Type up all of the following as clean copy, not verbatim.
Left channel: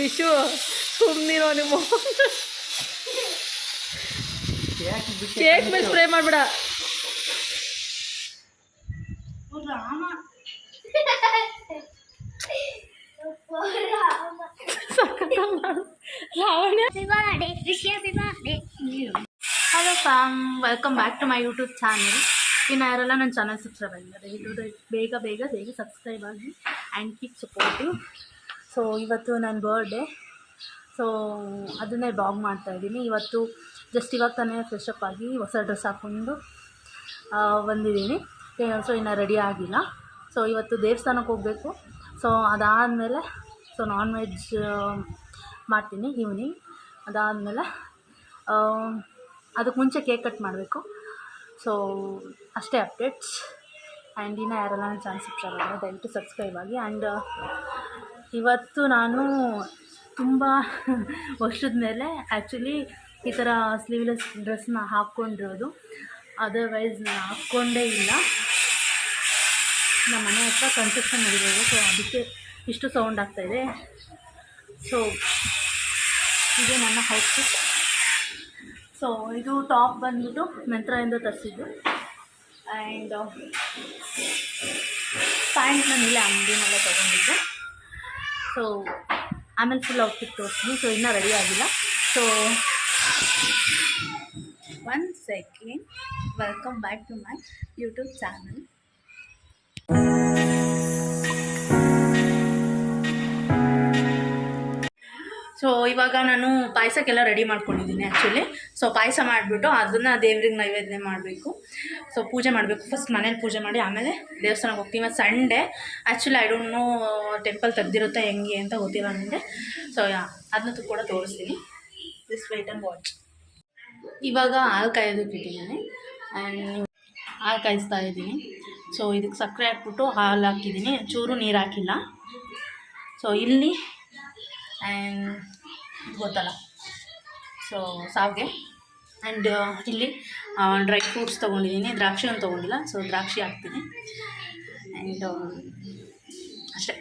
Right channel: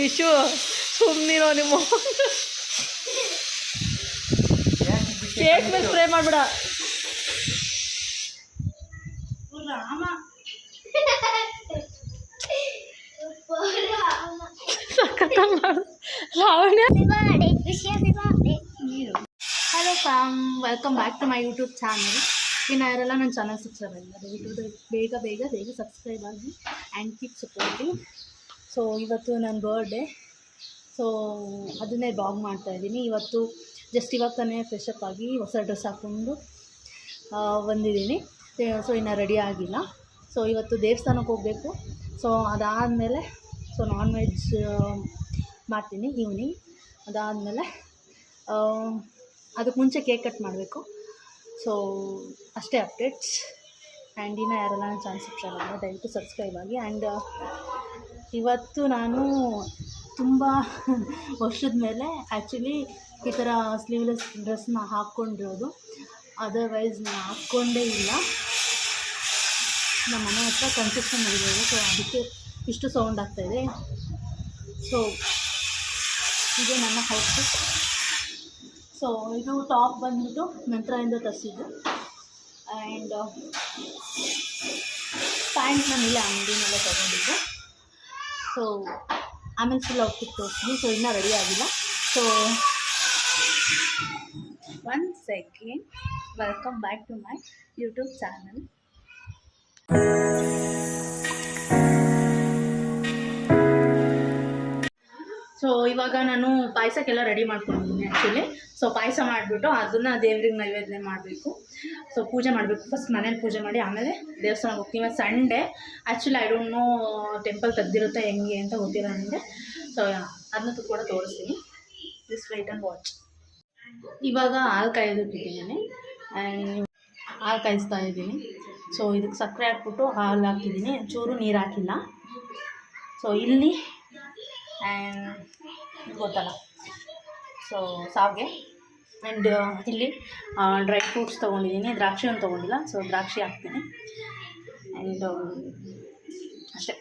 ವಿಶು ಸುಮ್ಮನಿರೋ ನಿಮ್ಮ ಕೇಕ್ ಮೇಲೆ ಸ್ಪ್ರೇ ಮಾಡ್ಬೇಡ. Hello fam, welcome back to my YouTube channel. ಇನ್ನು ಯಾರೆಲ್ಲ ನನ್ನ ಚಾನಲ್ ಸಬ್ಸ್ಕ್ರೈಬ್ ಆಗಿಲ್ಲ, ದಯವಿಟ್ಟು ಬೇಗ ಸಬ್ಸ್ಕ್ರೈಬ್ ಆಗಿ ಆ್ಯಂಡ್ ಕೀಪ್ ಸಪೋರ್ಟಿವ್. ಸೊ ಇವತ್ತು ನನ್ನ ಬರ್ಡೇ, ಸೊ ಅದನ್ನೇ ಬ್ಲಾಗ್ ಮಾಡ್ತಾಯಿದ್ದೀನಿ. ಇವತ್ತು ಜಸ್ಟ್ ಇವಾಗ ತಾನೇ ಫ್ರೆಶ್ ಅಪ್ ಆಗಿ ಹೊಸ ಡ್ರೆಸ್ ಹಾಕ್ಕೊಂಡು ಬಂದಿದ್ದೀನಿ. ಸೊ ಇನ್ನು ರೆಡಿ ಆಗಿಲ್ಲ. ಸೊ ಇವತ್ತು ದೇವಸ್ಥಾನಕ್ಕೆ ಹೋಗಬೇಕು. ಸೊ ಅದಾದಮೇಲೆ ನಾನ್ ವೆಜ್ ಮಾಡ್ತೀನಿ ಈವ್ನಿಂಗ್. ಅದಾದಮೇಲೆ ಅದಕ್ಕೆ ಮುಂಚೆ ಕೇಕ್ ಕಟ್ ಮಾಡಬೇಕು. ಸೊ ಅಷ್ಟೇ ಅಪ್ಡೇಟ್ಸ್. ಆ್ಯಂಡ್ ಇನ್ನು ಯಾರೆಲ್ಲ ನನ್ನ ಚಾನಲ್ ಸಬ್ಸ್ಕ್ರೈಬ್ ಆಗಿಲ್ಲ ದಯವಿಟ್ಟು ಸಬ್ಸ್ಕ್ರೈಬ್ ಆಗಿ. ಆ್ಯಂಡ್ ಇವತ್ತು ನಾನು ತುಂಬ ವರ್ಷದ ಮೇಲೆ ಆ್ಯಕ್ಚುಲಿ ಈ ಥರ ಸ್ಲೀವ್ಲೆಸ್ ಡ್ರೆಸ್ನ ಹಾಕ್ಕೊಂಡಿರೋದು. ಅದರ್ವೈಸ್ ನಾನು ಹಾಕ್ಕೊಂಡೇ ಇಲ್ಲ. ನಮ್ಮ ಮನೆ ಹತ್ರ ಕನ್ಸ್ಟ್ರಕ್ಷನ್ ನಡೆಯೋದು, ಸೊ ಅದಕ್ಕೆ ಇಷ್ಟು ಸೌಂಡ್ ಆಗ್ತಾಯಿದೆ. ಸೊ ಇದೇ ನನ್ನ ಔಟ್ಫಿಟ್. ಸೊ ಇದು ಟಾಪ್ ಬಂದ್ಬಿಟ್ಟು ಮೆಂತ್ರಾಯಿಂದ ತರಿಸಿದ್ದು. ಆ್ಯಂಡ್ ಪ್ಯಾಂಟ್ ನಾನು ಇಲ್ಲೇ ಅಂಗಡಿನಲ್ಲೇ ತೊಗೊಂಡಿದ್ದೆ. ಸೊ ಆಮೇಲೆ ಫುಲ್ ಔಟ್ಫಿಟ್ ತೋರಿಸ್ತೀನಿ. ಸೊ ಇನ್ನೂ ರೆಡಿ ಆಗಿಲ್ಲ. So 1 second. Welcome back to my YouTube channel. So ಇವಾಗ ನಾನು ಪಾಯಸಕ್ಕೆಲ್ಲ ರೆಡಿ ಮಾಡ್ಕೊಂಡಿದ್ದೀನಿ ಆ್ಯಕ್ಚುಲಿ. ಸೊ ಪಾಯಸ ಮಾಡಿಬಿಟ್ಟು ಅದನ್ನು ದೇವ್ರಿಗೆ ನೈವೇದ್ಯ ಮಾಡಬೇಕು. ಸೊ ಪೂಜೆ ಮಾಡಬೇಕು. ಫಸ್ಟ್ ಮನೇಲಿ ಪೂಜೆ ಮಾಡಿ ಆಮೇಲೆ ದೇವಸ್ಥಾನಕ್ಕೆ ಹೋಗ್ತೀವಿ. ಮತ್ತು Sunday actually I don't know temple ತೆಗ್ದಿರುತ್ತೆ ಹೆಂಗೆ ಅಂತ ಗೊತ್ತಿಲ್ಲ ನನಗೆ. ಸೊ ಅದನ್ನ ಕೂಡ ತೋರಿಸ್ತೀನಿ. This wait and watch. ಇವಾಗ ಹಾಲು ಕಾಯೋದಕ್ಕೆ ಇಟ್ಟಿದ್ದೀನಿ. ಆ್ಯಂಡ್ ಹಾಲು ಕಾಯಿಸ್ತಾ ಇದ್ದೀನಿ. ಸೊ ಇದಕ್ಕೆ ಸಕ್ಕರೆ ಹಾಕ್ಬಿಟ್ಟು ಹಾಲು ಹಾಕಿದ್ದೀನಿ, ಚೂರು ನೀರು ಹಾಕಿಲ್ಲ. ಸೊ ಇಲ್ಲಿ ಆ್ಯಂಡ್ ಗೊತ್ತಲ್ಲ, ಸೊ ಸಾವಿಗೆ. ಆ್ಯಂಡ್ ಇಲ್ಲಿ ಡ್ರೈ ಫ್ರೂಟ್ಸ್ ತೊಗೊಂಡಿದ್ದೀನಿ. ದ್ರಾಕ್ಷಿ ಒಂದು ತೊಗೊಂಡಿಲ್ಲ, ಸೊ ದ್ರಾಕ್ಷಿ ಹಾಕ್ತೀನಿ. ಆ್ಯಂಡ್ ಅಷ್ಟೇ.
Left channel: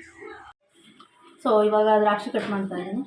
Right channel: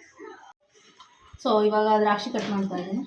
ಸೊ ಇವಾಗ ದ್ರಾಕ್ಷಿ ಕಟ್ ಮಾಡ್ತಾ ಇದ್ದೀನಿ.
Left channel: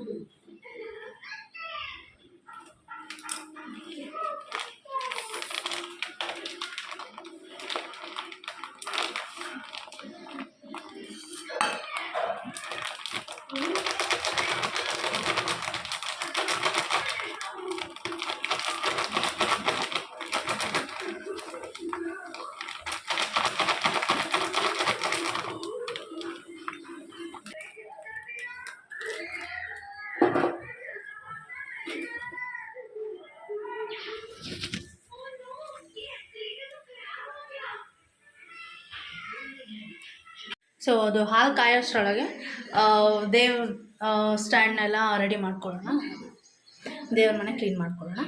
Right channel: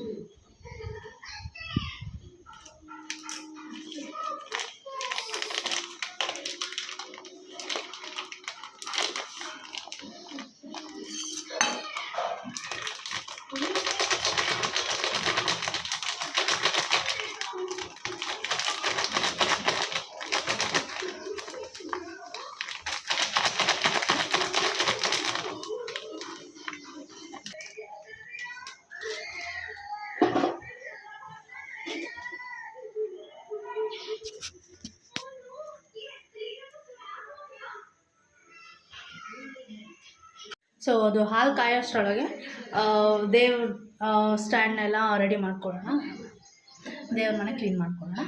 ಸೊ ಅದು ಹಾಲು ಕಾಯೋಷ್ಟರೊಳಗೆ ದೇವ್ರ ಸ್ಟ್ಯಾಂಡ್ನೆಲ್ಲ ರೆಡಿ ಮಾಡ್ಕೊಳ್ಳೋಣ. ದೇವ್ರ ಮನೆ ಕ್ಲೀನ್ ಮಾಡ್ಕೊಳ್ಳೋಣ.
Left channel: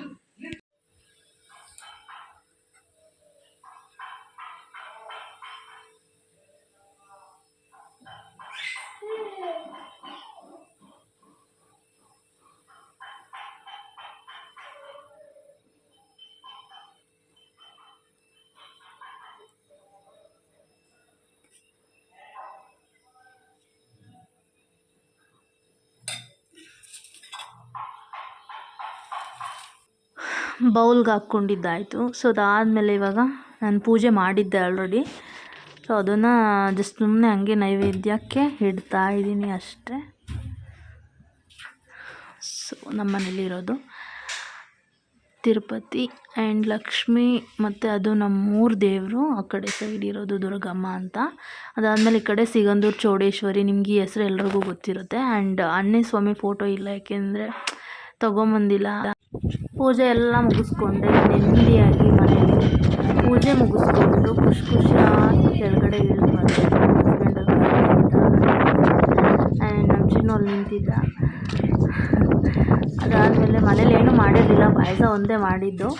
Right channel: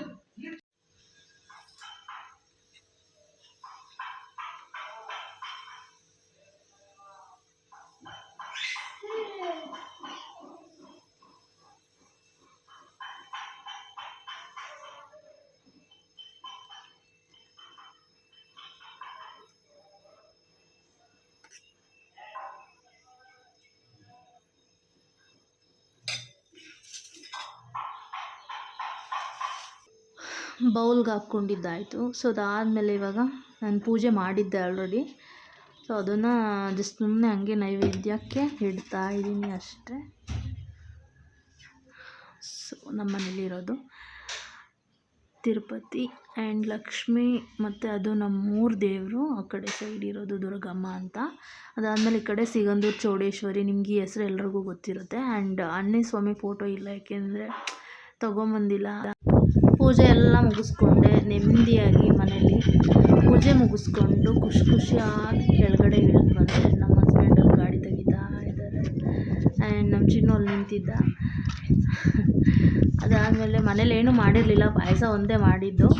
ಬೌಲ್ಗೆ ಹಾಕ್ಕೊಂಡಿದ್ದಾಯಿತು. ಸೊ ಅದಾದಮೇಲೆ ಇವಾಗ ನಾನು ಪೂಜೆ ಮಾಡಿದ್ದೆ ಆಲ್ರೆಡಿ. ಸೊ ಅದನ್ನು ಜಸ್ಟ್ ಸುಮ್ಮನೆ ಹಂಗೆ ನೈವೇದ್ಯಕ್ಕೆ ಇಡ್ತಾ ಇದ್ದೀನಿ ಅಷ್ಟೇ. ಸೊ ನಮ್ಮ ಮನೇಲಿರೋದು ತಿರುಪತಿ ಆ್ಯಂಡ್ ಲಕ್ಷ್ಮಿ, ಮತ್ತು ಅದು ನಮ್ಮೂರ ದೇವರು. ಆ ಕಡೆ ಸೈಡ್ ಇರೋದು ದುರ್ಗಮ್ಮ ಅಂತ. ಅದಾದಮೇಲೆ ಈ ಕಡೆ ಸಿಗಂದೂರು ಚೌಡೇಶ್ವರಿ. ನಿಮ್ಗೆ ಈ ಹೆಸರು ಎಲ್ರಿಗೂ ಗೊತ್ತಿರುತ್ತೆ. ಆ್ಯಂಡ್ ಆಂಜನೇಯ ಸ್ವಾಮಿ ಫೋಟೋ ಇಲ್ಲ, ಯಾಕೆಂದರೆ ತೊಗೊಂಬಂದಿಲ್ಲ. ಪೂಜೆ ಎಲ್ಲ ಮುಗಿಸ್ಕೊಂಡೆ ನೆಮ್ಮದಿಯಾಗಿ ಮನೇಲಿ ಪೂಜೆ ಮುಗಿಸ್ಕೊಂಡು ಖುಷಿಯಾಗಿ ಕೆಳಗಡೆ ಇಳಿದು ಬಂದೆ. ನಮ್ಮ ಹಸ್ಬೆಂಡಲ್ಲಿ ಗಾಡಿ ಆ್ಯಂಡ್ ನಮ್ಮ ಚಿನ್ನು ಅಲ್ಲಿ ನಿಂತಿದ್ದ. ಅದಾದಮೇಲೆ ಮನೇಲಿ ಏನೂ ಮಾಡಿರಲಿಲ್ಲ, ಪಾಯಸ ಒಂದೇ ಮಾಡಿದ್ದು.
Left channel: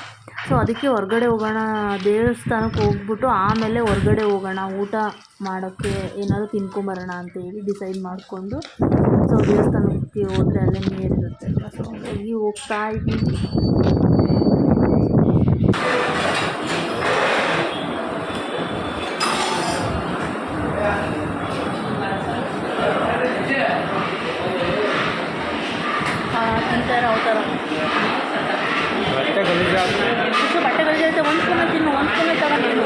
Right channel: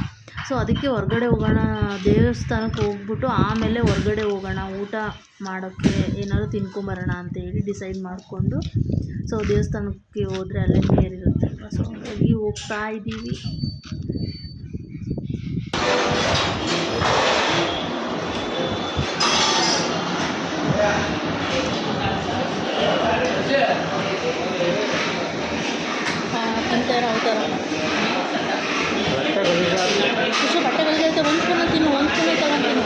ಸೊ ಅದಕ್ಕೆ ಹೊರಗಡೆ ಹೋಗೋಣ, ದೇವಸ್ಥಾನಕ್ಕೆ ಹೋಗ್ಬಿಟ್ಟು ಆಮೇಲೆ ಹೊರಗಡೆ ಹೋಗೋಣ ಊಟ ಮಾಡೋಕ್ಕೆ, ಏನಾದರೂ ತಿನ್ಕೊಂಬರೋಣ ಅಂತೇಳಿ ಡಿಸೈಡ್ ಮಾಡಿಕೊಂಡು. ಸೊ ದೇವಸ್ಥಾನಕ್ಕೆ ಹೋದರೆ ಅಲ್ಲೇ ನೀರಿರುತ್ತಲ್ವ, ಸೊ ಹಾಗಾಗಿ ಹೋಗ್ತಾ ಇದ್ದೀವಿ. ಮಾಡ್ತಾರೆ ಯಾವ ಥರ ಖುಷಿ ಬಟ್ಟೆ ಗಲಿಜೈತೆ. ಒಂದು ಸ್ಪೂನ್ ತಿನ್ನು, ಒಂದು ಸ್ಪೂನ್ ತಗೊಂಡು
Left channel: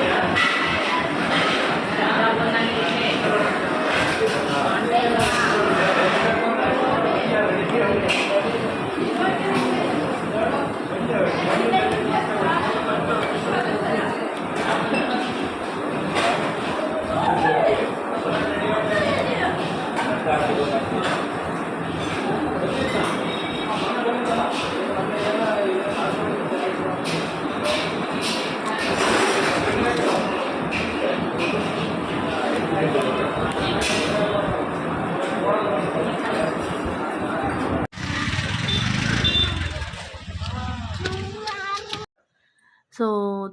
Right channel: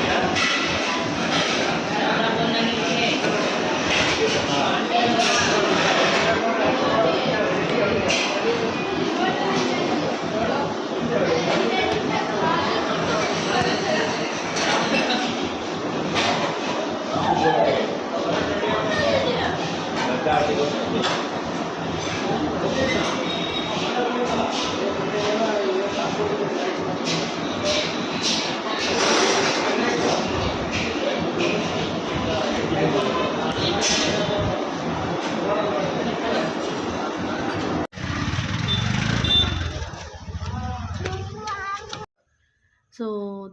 ಸೊ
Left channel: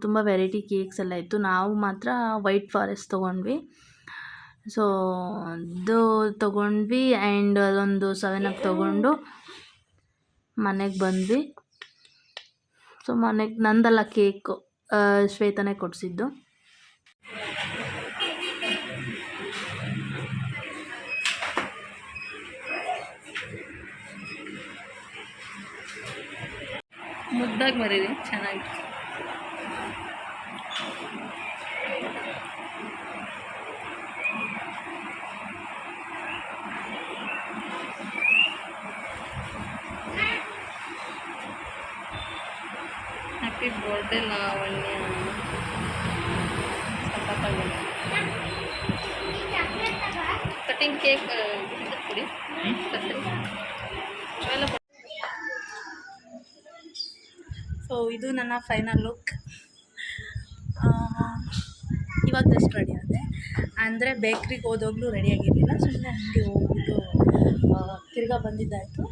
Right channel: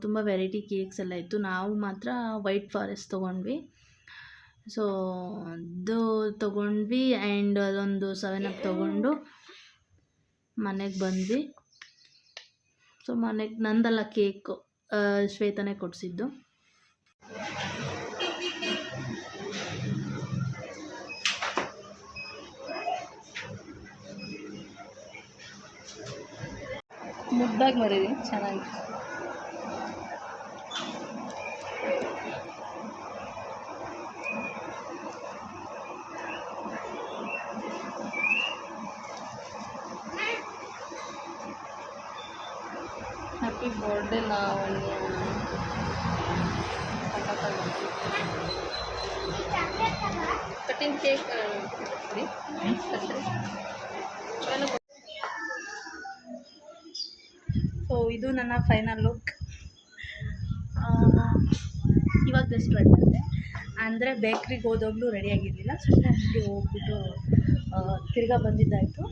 ತುಂಬ ವೆರೈಟಿ ಕೇಕ್ಸ್ ಎಲ್ಲ ಇತ್ತು. ನಾವು ಮಾತ್ರ ವೈಟ್ ಫಾರೆಸ್ಟ್ ತೊಗೊಂಡ್ವಿ. ಸೊ ಅದು ತೊಗೊಂಡ್ವಿ ಆ್ಯಂಡ್ ಅದೊಂದು 7 ಅಪ್ ತೊಗೊಂಡು ಮನೆಗೆ ಬಂದ್ವಿ. ಸೊ ಮನೆಗೆ ನಂದಲ್ಲ ಕೇಕು, ಶ್ವೇತನೇ ಕೊಡಿಸಿದ್ದು. ಮುದ್ದಾಗಿ ಮರೀರಿ, ಚೆನ್ನಾಗಿ. Happy birthday Lavanya. Cutting cake ಕೊಡಿ. ಸೊ ಇದು ನನ್ನ ಫೈನಲ್ ಲುಕ್. ಇವಾಗ ಜಸ್ಟ್ ರೆಡಿ ಆದೆ. ಅಂದರೆ ಬೇಕ್ರಿಗೆ ಹೋದಾಗಲೂ ರೆಡಿಯಾಗಿರಲಿಲ್ಲ, ಸುಮ್ಮನೆ ಹಂಗೆ ಹೋಗ್ಬಿಟ್ಟು ತಿರ್ಗಾ ಬಂದಿದ್ದಾಯಿತು.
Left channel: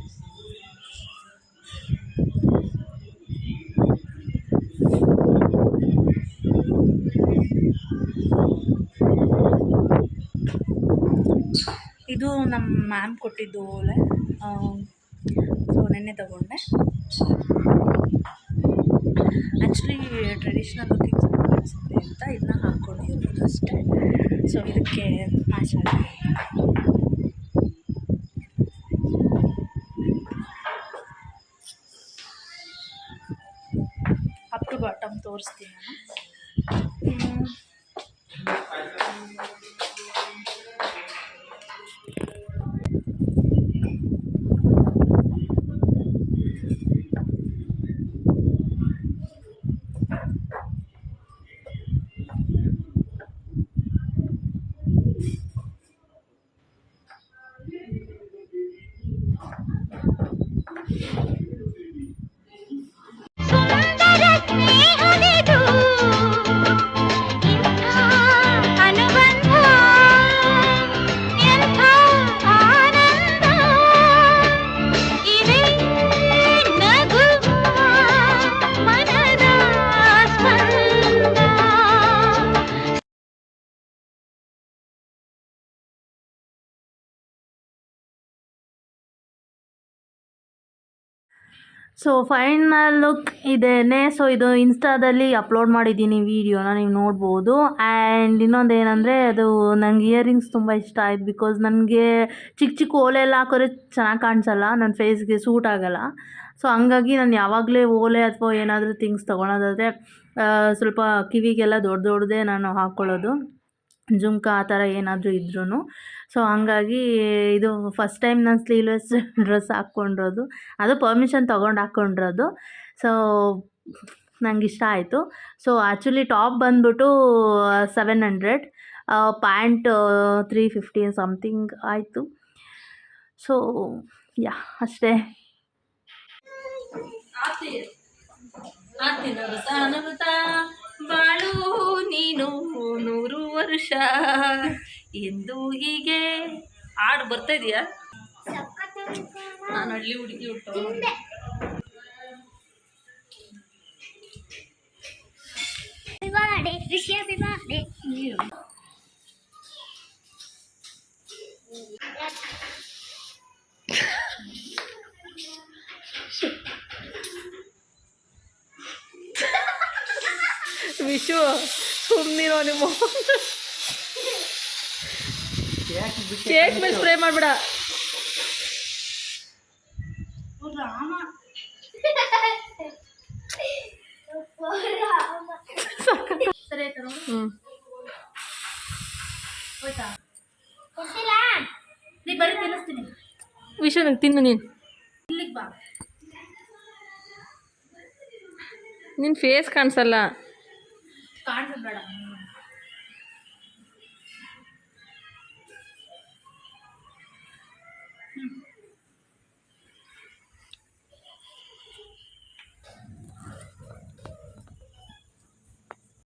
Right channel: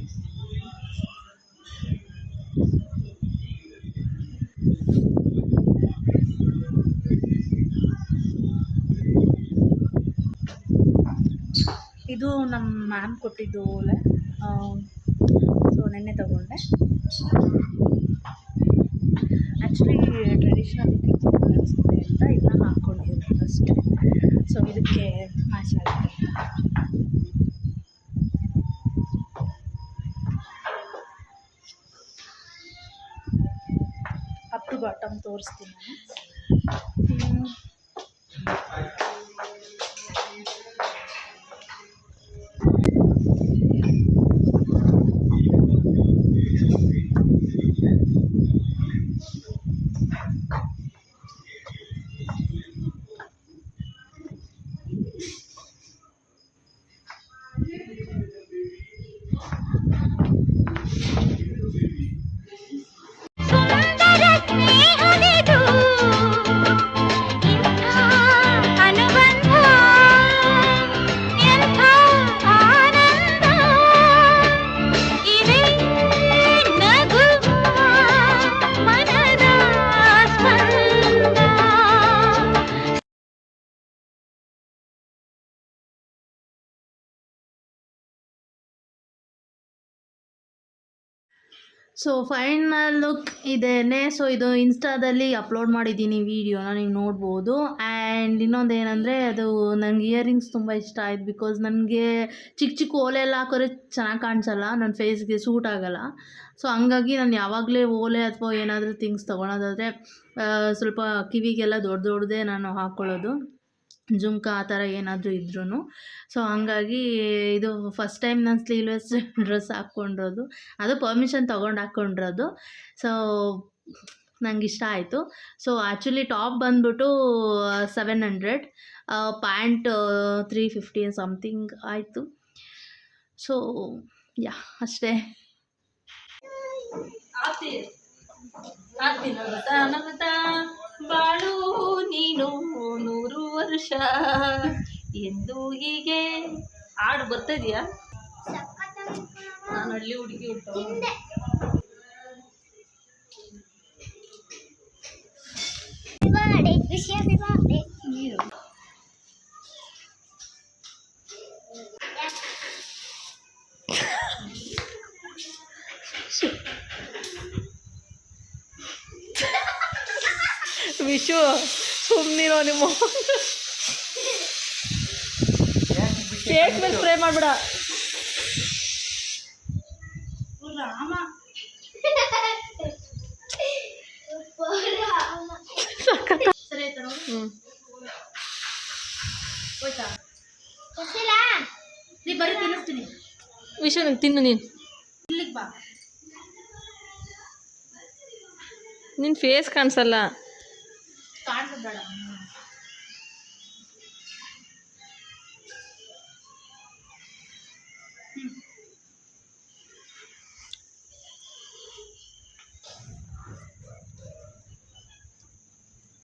ಇದು ನಮ್ಮ ಮ್ಯಾಮ್ ಕೊಟ್ಟಿದ್ದು ಓಲೆ. ಸೊ ನೆನ್ನೆ ತಗೊಂಡೆ. ಆ್ಯಕ್ಚುಲಿ ಟ್ರೆಡಿಷ್ನಲ್ ಲುಕಿಂಗ್ ಕಾಣಿಸುತ್ತೆ ಅಂತ ಇದನ್ನ ಹಾಕ್ಕೊಂಡಿರೋದು ಅಷ್ಟೇ. ಸೊ ಇದಕ್ಕೆ ಮ್ಯಾಚ್ ಆಗುತ್ತೆ. ಅಪ್ ಟು ಬಾಟಮ್ ತೋರಿಸ್ತೀನಿ ನಾನು. ಸೊ ಫೈನಲ್ ಲುಕ್ ಇದೇನೆ. ಸೊ ಇದು ಇನ್ಸ್ಟಾದಲ್ಲಿ ಅಪ್ಲೋಡ್ ಮಾಡಿದ್ದೀನಿ ವೀಡಿಯೋನ, ನೀವು ನೋಡ್ಬೋದು. ಆ್ಯಂಡ್ ಇನ್ನೊಂದು ಏನಂದರೆ, ಅದು ನಂಗೆ ಇಯರಿಂಗ್ಸ್ ತುಂಬ ಇಷ್ಟ ಆಯ್ತು. ಬಿಕಾಸ್ ನನಗೆ ಚಿಕ್ಕ ಚಿಕ್ಕ ಓಲೆ ಎಲ್ಲ ಹಾಕೋರೆ ಚೆನ್ನಾಗಿ ಕಾಣಿಸಲ್ಲ, ನನ್ನ ಫೇಸ್ಗೆ ಸೂಟ್ ಆಗೋಲ್ಲ. ಸೊ ಹಂಗಾಗಿ ನಾನು ಯಾವಾಗಲೇ ಓಲೆ ಅಥವಾ ಏನಾದರೂ ಥಿಂಗ್ಸ್ ತೊಗೊಳೋದಾದರೆ ಸ್ವಲ್ಪ ಕಿವಿಗೆಲ್ಲ ದೊಡ್ಡದೇ ನಾನು ಹಾಕ್ಕೊಳ್ಳೋದು, ಜುಮ್ಕ ಆ ಥರ ಏನಾದರೂ ಇದ್ರೂ. ಸೊ ಹಂಗಾಗಿ ಇದು ಫಸ್ಟ್ ಟೈಮ್ ನಾನು ಸ್ಲೀವ್ಲೆಸ್ ಡ್ರೆಸ್ ಹಾಕ್ಕೊಂಡಿರೋದು, ಅದು ಪರ್ಮಿಷನ್ ತೊಗೊಂಡು ಹಾಕ್ಕೊಂಡಿರೋದು. ಸೊ ನಂಗೆ ಇಷ್ಟ ಆಯಿತು. ಸೊ ಆ್ಯಕ್ಚುಲಿ ಟಾಪ್ ಬಂದ್ಬಿಟ್ಟು 700, ಪ್ಯಾಂಟ್ 350 ಸಮಥಿಂಗ್ ಆಯಿತು. ಸೊ ಯಾ ಅಷ್ಟೇ. ಬಾಳು ನೀನು 100 ವರ್ಷ ಎಂದು ಹೀಗೆ ಹಾಡು ಬರ್ತಾ ಇದೆಯಾ? ನಾನು ಹಳ್ಳಿ ಹುಡುಗಿ ಹುಟ್ಟು ವಿಶು ಸುಮ್ಮನಿರೋ, ನಿಮ್ಮ ಕೇಕ್ ಮೇಲೆ ಸ್ಪ್ರೇ ಮಾಡ್ಬೇಡ ರಾಮ. ಬರೀ ತಿನ್ನಿಸ್ತೀನಿ. ವಿಷಯ ತಿನ್ನು ನೀನು. ಇಲ್ಲಿಗೆ ಬಾ. ನಿನ್ನ ಫೇಸ್ ಕಾಣಿಸಲ್ಲ. ಕಾಣಿಸ್ಬೇಡ.